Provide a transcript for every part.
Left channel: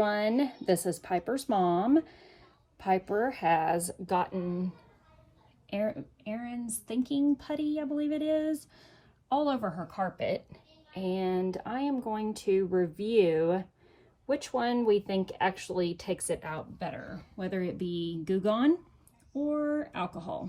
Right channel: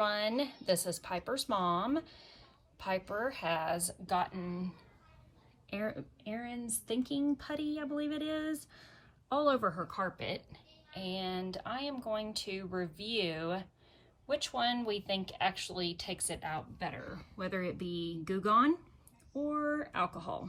everyone, this is Piper's mom. Piper has gotten Aaron's Thinking Putty, I believe it is, all over her carpet, and I am going to review which one we think actually takes it out better, whether it be Goo Gone or alcohol.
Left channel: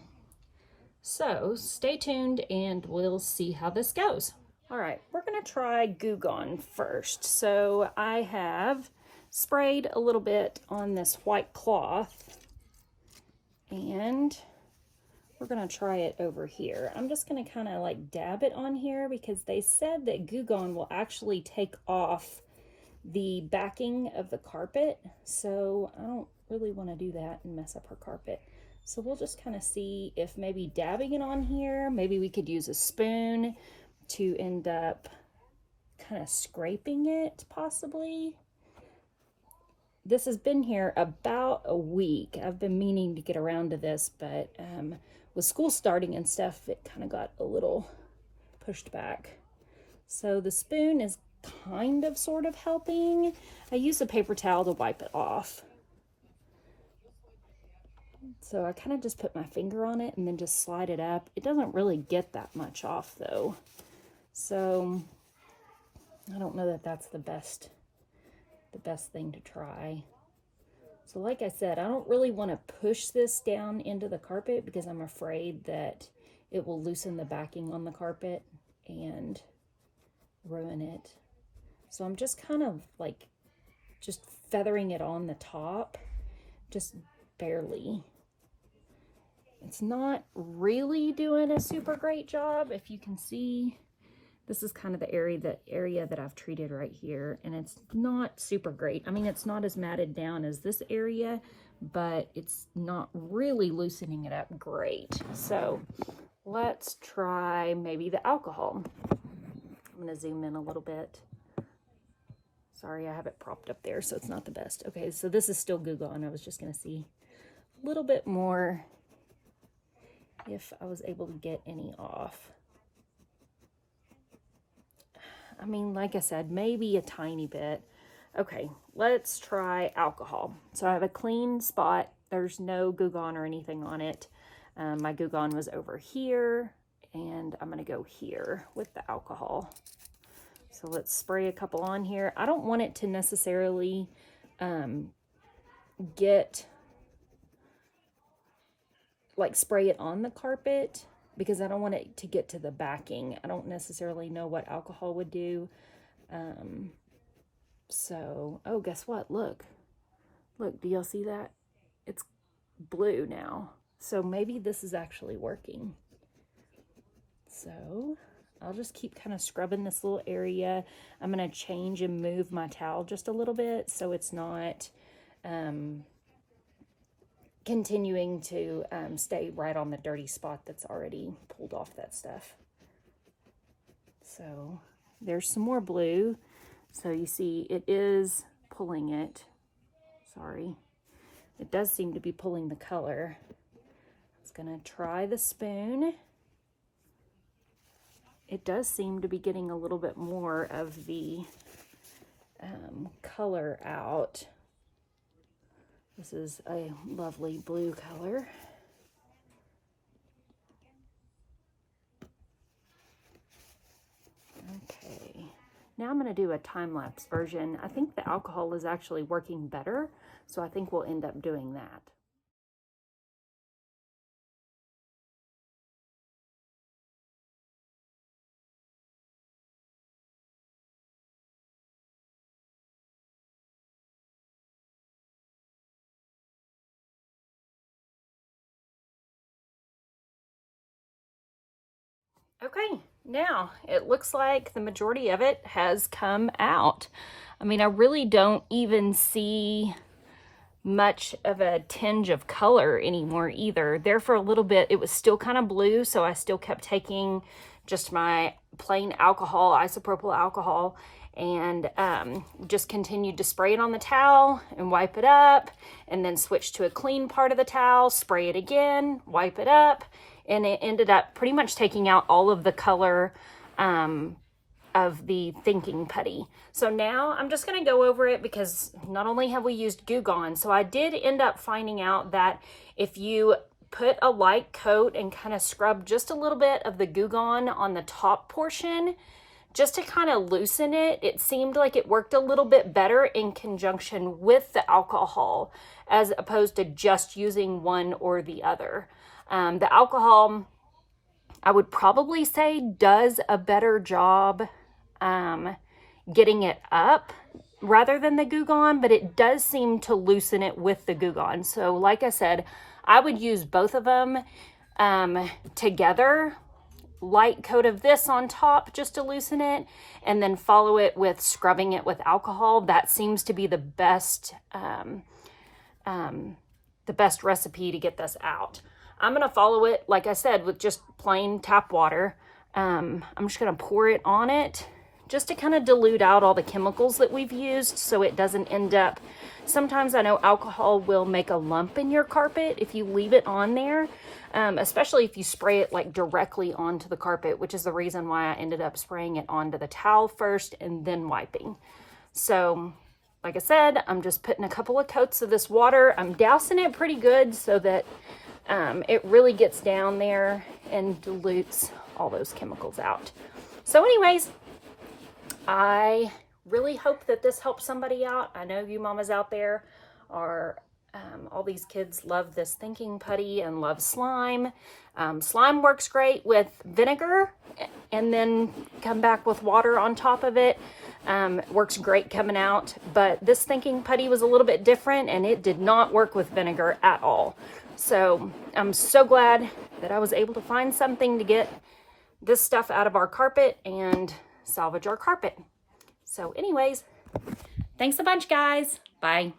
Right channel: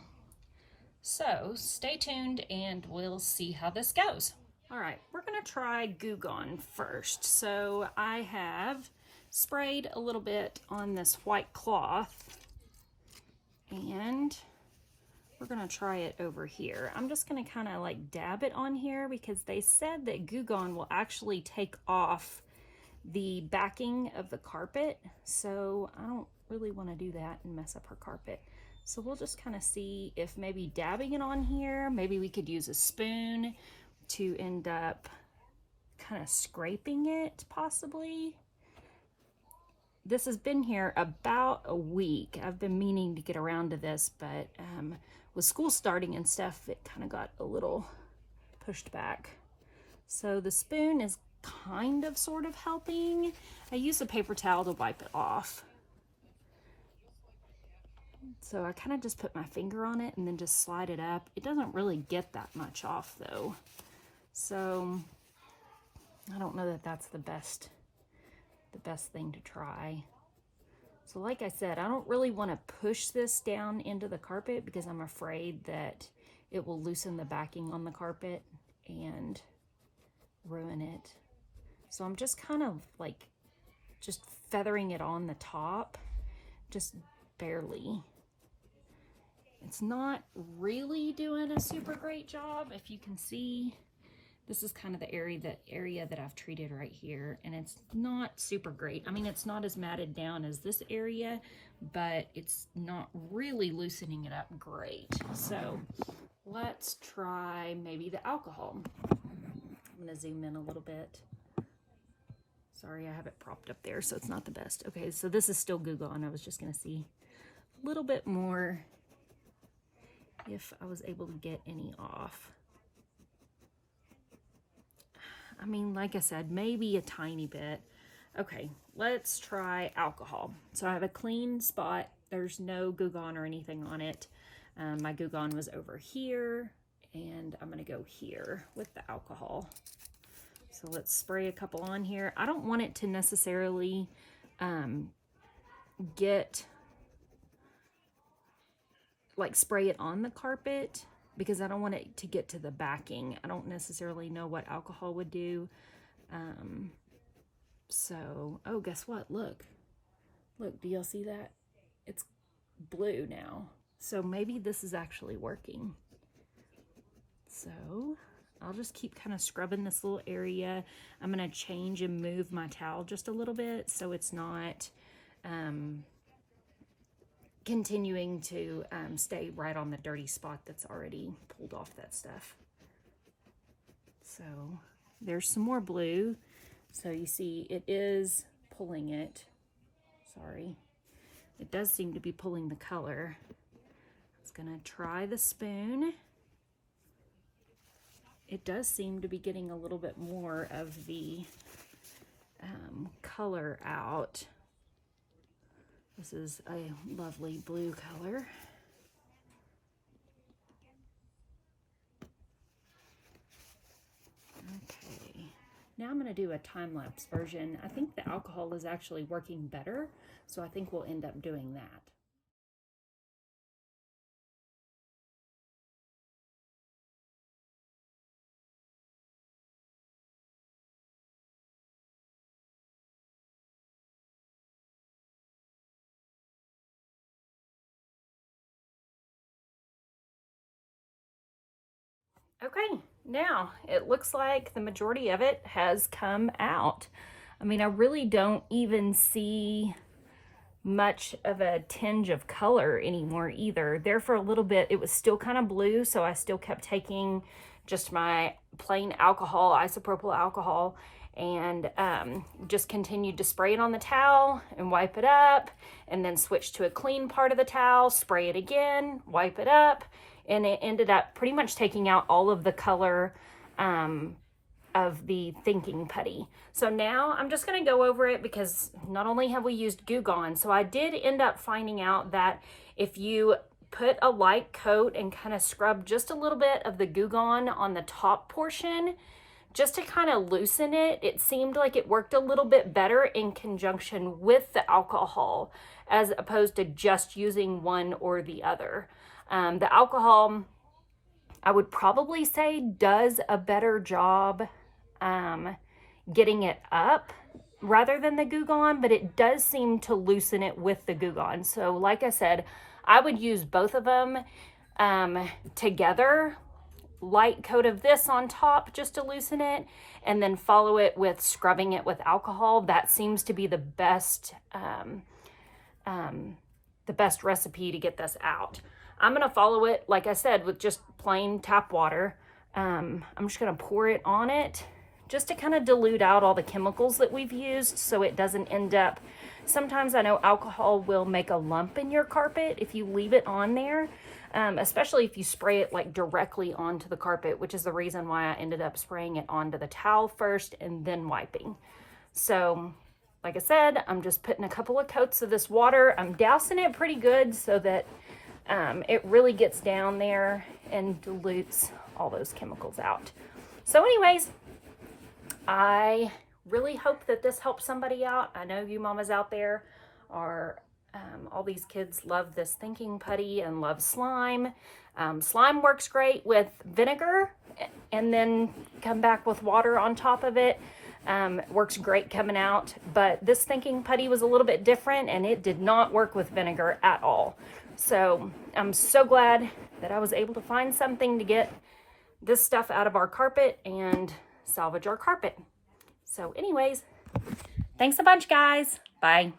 So stay tuned and we'll see how this goes. All right, we're gonna try Goo Gone first. So I have sprayed a little bit on this white cloth and we're gonna try it over here. I'm just gonna kind of like dab it on here because they said that Goo Gone will actually take off the backing of the carpet. So I don't really want to do that and mess up her carpet. So we'll just kind of see if maybe dabbing it on here, maybe we could use a spoon to end up kind of scraping it possibly. This has been here about a week. I've been meaning to get around to this, but with school starting and stuff, it kind of got a little pushed back. So the spoon is kind of sort of helping. I use a paper towel to wipe it off. So I kind of just put my finger on it and then just slide it up. It doesn't really get that much off though. So I don't know that that's the best thing to try. So like I said, I don't really want to push this down into the carpet because I'm afraid that it will loosen the backing on the carpet and ruin it. So I'm just kind of like just feathering it on the top, just barely. It's not really doing a super great job. If you can see, this is kind of the area that I've treated right here, and it's not super great. I mean, it's not as matted down as this area, but it's not really loosening it up great. So let's try maybe the alcohol. I'm gonna zoom in a little bit. Sorry, I have it propped up there, so it's not the best. Okay, so this is still Goo Gone. I was just gonna see a little bit more if I was able to get any off. I mean, like I said, maybe a tiny bit. Okay, let's try alcohol. So I have a clean spot. There's no Goo Gone or anything on it. My Goo Gone was over here, and I'm gonna go here with the alcohol. So let's spray a couple on here. I don't want it to necessarily spray it on the carpet because I don't want it to get to the backing. I don't necessarily know what alcohol would do. Oh, guess what? Look, do y'all see that? It's blue now. So maybe this is actually working. So I'll just keep kind of scrubbing this little area. I'm going to change and move my towel just a little bit so it's not continuing to stay right on the dirty spot that's already pulled off that stuff. So there's some more blue. So you see it is pulling it. Sorry. It does seem to be pulling the color. I was going to try the spoon. It does seem to be getting a little bit more of the color out. This is a lovely blue color. Okay, now I'm going to do a time-lapse version. I think the alcohol is actually working better, so I think we'll end up doing that. Okay, now it looks like the majority of it has come out. I mean, I really don't even see much of a tinge of color anymore either. There for a little bit, it was still kind of blue, so I still kept taking just my plain alcohol, isopropyl alcohol, and just continued to spray it on the towel and wipe it up, and then switch to a clean part of the towel, spray it again, wipe it up, and it ended up pretty much taking out all of the color of the Thinking Putty. So now I'm just going to go over it because not only have we used Goo Gone, so I did end up finding out that if you put a light coat and kind of scrub just a little bit of the Goo Gone on the top portion, just to kind of loosen it, it seemed like it worked a little bit better in conjunction with the alcohol as opposed to just using one or the other. The alcohol, I would probably say, does a better job getting it up rather than the Goo Gone, but it does seem to loosen it with the Goo Gone. So like I said, I would use both of them together. Light coat of this on top just to loosen it, and then follow it with scrubbing it with alcohol. That seems to be the best recipe to get this out. I'm gonna follow it, like I said, with just plain tap water. I'm just gonna pour it on it just to kind of dilute out all the chemicals that we've used so it doesn't end up, sometimes I know alcohol will make a lump in your carpet if you leave it on there, especially if you spray it like directly onto the carpet, which is the reason why I ended up spraying it onto the towel first and then wiping. So like I said, I'm just putting a couple of coats of this water. I'm dousing it pretty good so that it really gets down there and dilutes all those chemicals out. So anyways, I really hope that this helps somebody out. I know you mamas out there are, all these kids love this Thinking Putty and love slime. Slime works great with vinegar and then come back with water on top of it. Works great coming out, but this Thinking Putty was a little bit different and it did not work with vinegar at all. So I'm so glad that I was able to find something to get this stuff out of our carpet and salvage our carpet. So anyways, thanks a bunch, guys. Bye.